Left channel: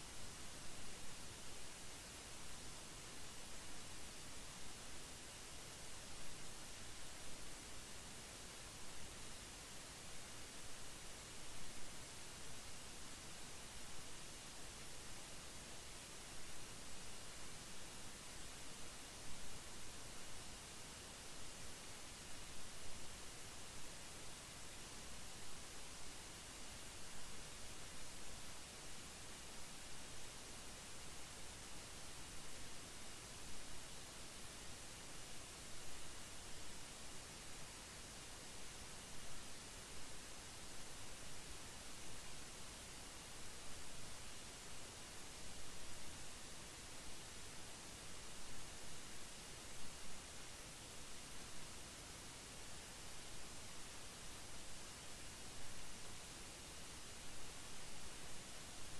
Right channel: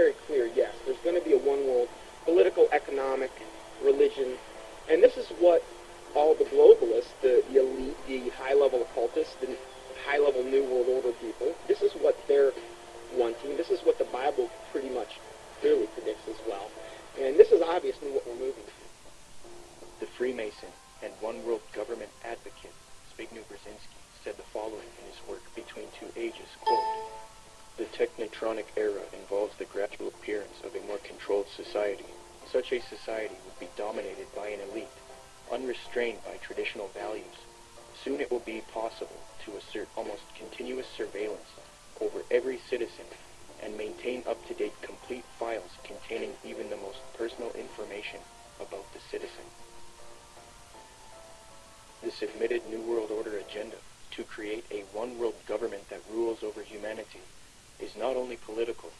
very clear, yes, there's going to be a one world, political, economic, religion, and this is what all the globalists, the elite, the high-level occultists, the high-level New World Order people, this is what they're wanting. This is what the Bible pretty much clearly predicts as well. And this is obviously what we're moving to. The Freemason and one-world government advocate, Zbigniew Brzezinski, said the following in his work, Between Two Ages, quote, "The technotronic era involves the gradual appearance of a more controlled society. Such a society would be dominated by an elite, unrestrained by traditional values. Soon it will be possible to assert almost continuous surveillance over every citizen and maintain up-to-date complete files containing even the most personal information about the citizen." This admitted New World Order agenda to create a one-world government that rules over humanity is not only political,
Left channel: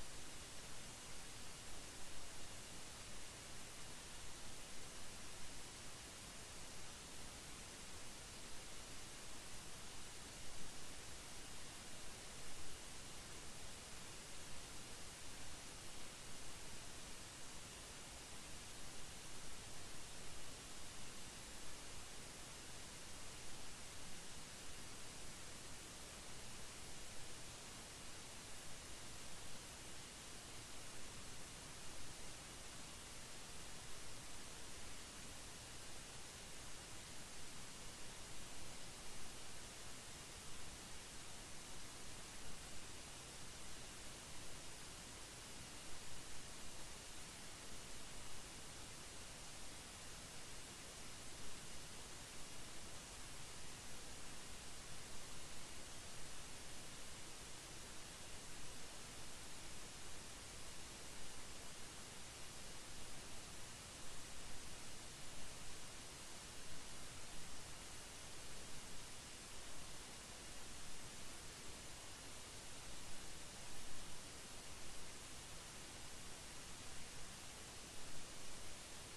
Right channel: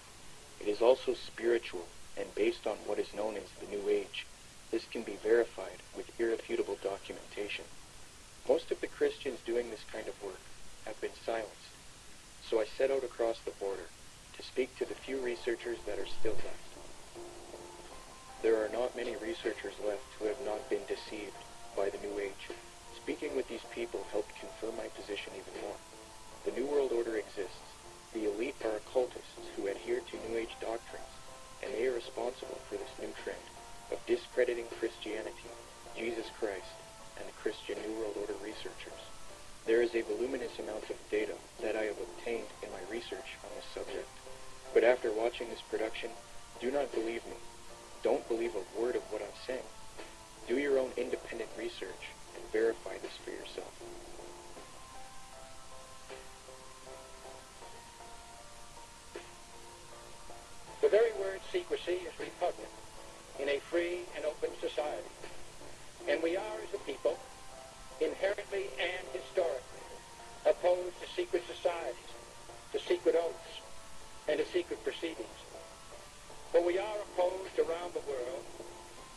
it is also spiritual and based on what is known as the New Age. This can be verified with irrefutable documentation. Most of the Christians doing this kind of work have been silenced, so I set out across the border to speak to the few researchers that are still left. There are not many researchers left who have not been deceived by the New Age. Speaking with these people helped confirm my position even more. The New World Order exists. The elite are occultists who adhere to New Age doctrines, and they are responsible for this new trend of discrediting Christianity, Jesus Christ, and the Christian New World Order researchers. There is a voluminous amount of data that I have obtained in my research on this subject. But after watching this production, do not believe me. Don't believe a word of what I'm saying. Do your own independent research and verify this for yourself. The very word secrecy is repugnant in a free and open society. And we are, as a people, inherently and historically opposed to secret societies, to secret oaths, and to secret proceedings. But we are opposed around the world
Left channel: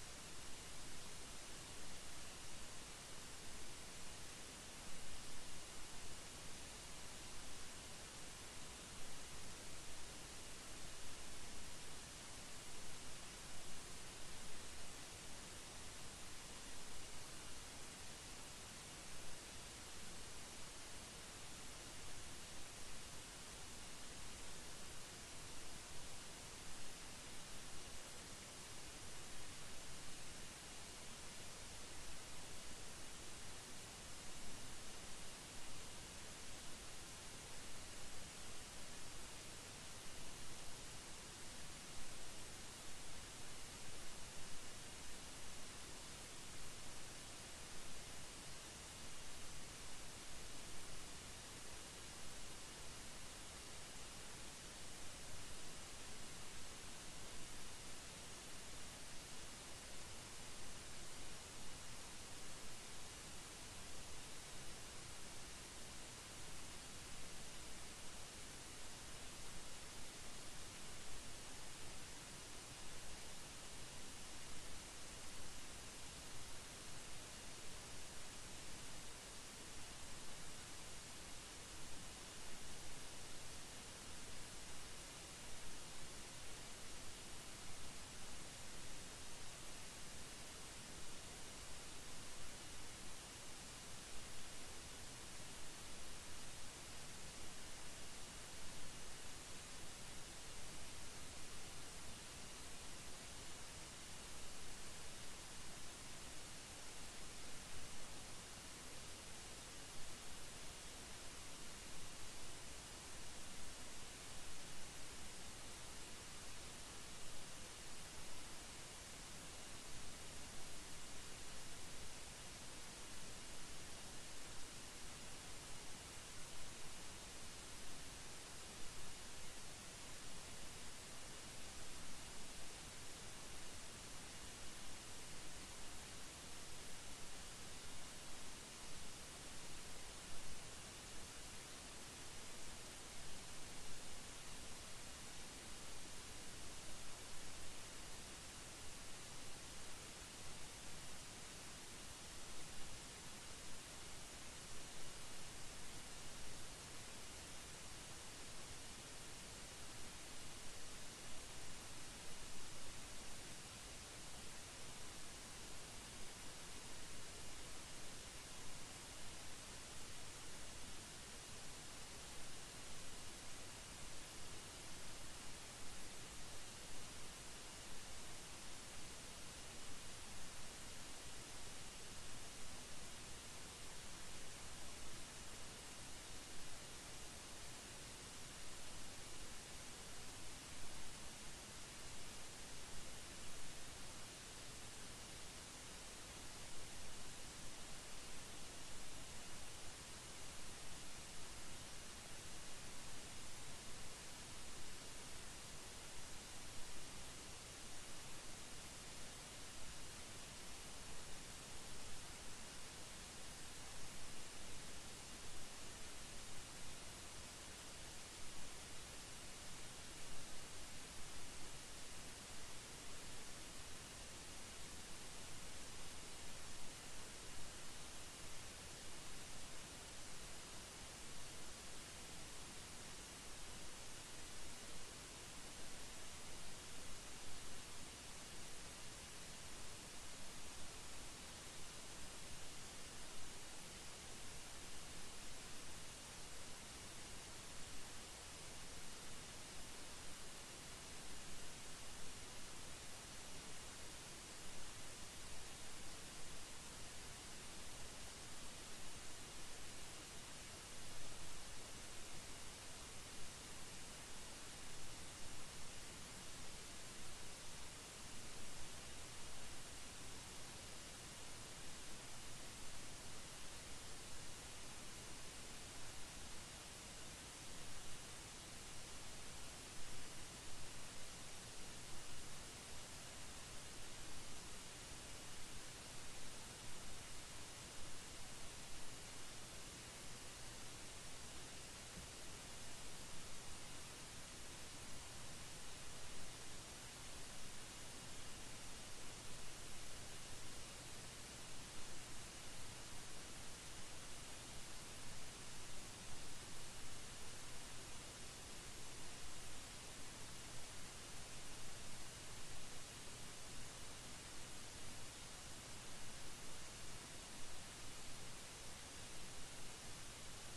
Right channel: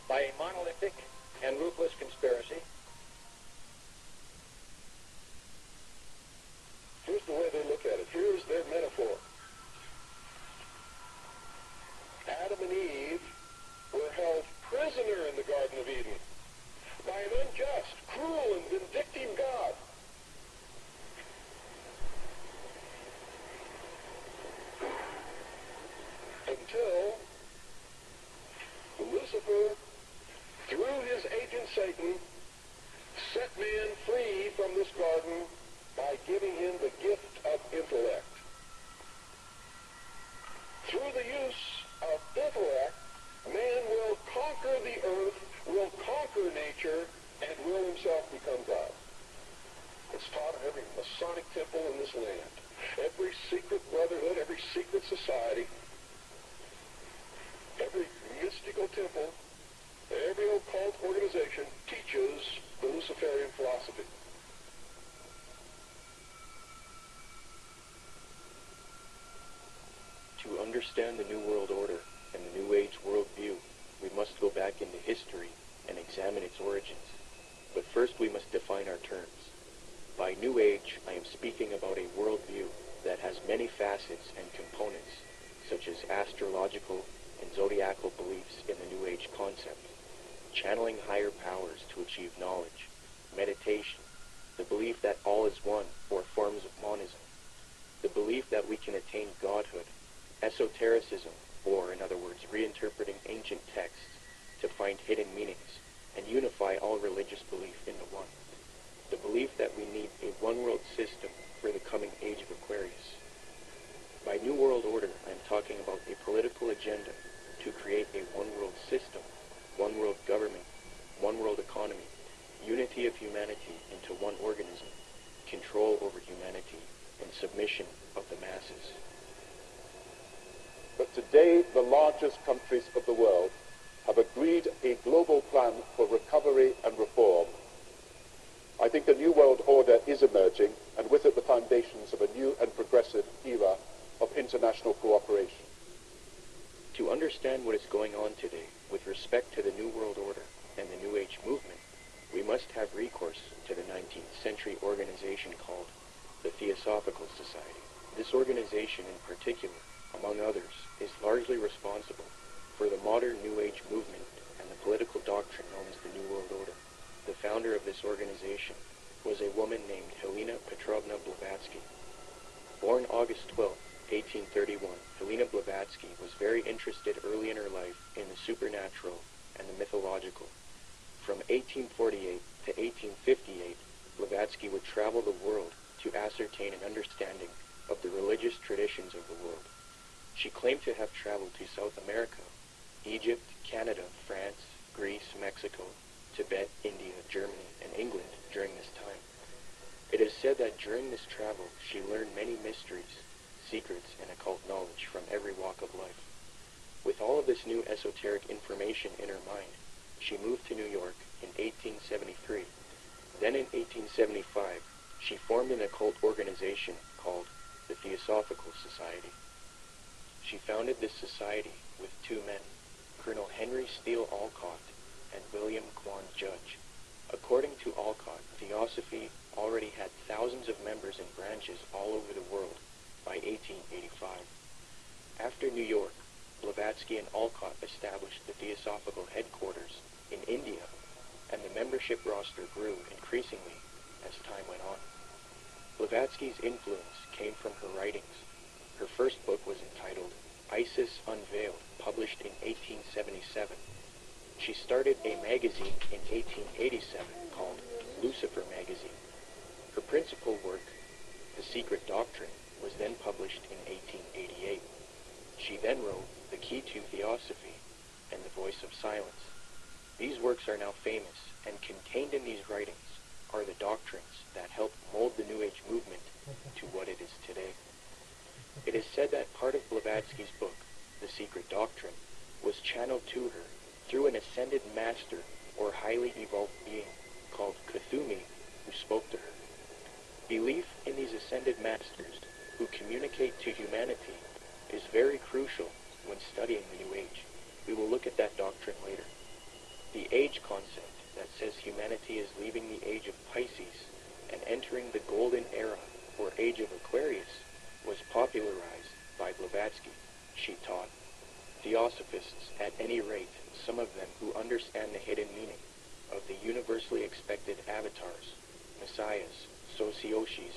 by a monolithic and ruthless conspiracy. Here's the way they look at it. Here's their metaphor. Adam and Eve were held prisoner in the Garden of Eden by an unjust, cruel, and vindictive God. Until Lucifer, through his agent Satan, set man free from this garden by giving him the gift of intellect. Through the use of intellect, man will conquer the earth, will conquer nature, and will himself become God. It's taught in every Masonic temple in this land, every secret brotherhood, every secret society, every mystical temple, every occult organization teaches the Luciferian philosophy. To understand the New World Order and the New Age worldview, we must go back into history and examine its origins. But first we must define our terms. By New Age, I am speaking about a worldview that has many facets and components, such as astrological and zodiacal beliefs in the New Age concept, channeling higher powers to achieve knowledge, meditation, the belief that all is one, or forms of monism, the belief that we can attain godhood, esotericism, or in other words, reinterpreting ancient texts to find hidden meanings and unify all religious belief into one. The belief that we need a one-world system for the coming age of Aquarius. By New World Order, I am talking about a political agenda to create a one-world system, one-world government, one-world economy, unity of humanity into one organism, control over humanity, and submission of the masses. But today, the largest countries of the world have agreed a global plan for recovery and reform. I think a new world order is emerging, and with it the foundations of a new and progressive era of international cooperation. To understand what is going on today with respect to the New World Order and the New Age movement, we must have recourse to the 19th century organization called the Theosophical Society. This organization in particular, among others, is largely largely responsible for the modern New Age movement and the political doctrine known as the New World Order. The founder of this organization was a woman named Helena Petrovna Blavatsky. Born August 12, 1831, Helena Blavatsky was very interested early in her life in the supernatural and the mythological. From 1848 to 1858, Blavatsky would travel the world to ascertain an understanding of the religious traditions of the world. She claimed to have traveled to South America, Egypt, Canada, France, Greece, Mexico, Tibet, India, Germany, and England during this time. It is said that during this travel, she learned many mysteries, secrets, and occult knowledge from every walk of life. With all of this new esoteric information in her mind, she moved to New York in 1873. Then in 1875, she formed an occult organization called the Theosophical Society. She founded this society with two men, Colonel Henry Steele Alcott and William Quan Judge. According to Alcott, Theosophy already had thousands of members and branches all over the world by 1885. After New York, Blavatsky and Alcott established the Theosophical headquarters in India, and the membership roster grew increasingly as time went on. Blavatsky's influence came from her writings. Her first book was entitled Isis Unveiled, published in 1877. She started a magazine in 1887 called Lucifer Magazine. Her principal work, The Secret Doctrine, was then published in 1888. She then wrote The Key to Theosophy and The Voice of Silence. These works are now famous, and contained in these writings are the doctrines that helped mold the New Age movement to what it is today. It is said that part of Blavatsky's book, The Secret Doctrine, was channeled to her through an ascended master or highly evolved being called Cthulhu who spoke to her. Belief in these ascended masters who communicate to humanity is very crucial when studying the New Age. We will look at that doctrine later. The age concept that says humanity is leaving the age of Pisces and entering the golden era or age of Aquarius was popularized by Blavatsky. She taught Theosophists, at any rate, some of them who understand the hidden meaning of the universally expected avatars, messiahs, socioshis,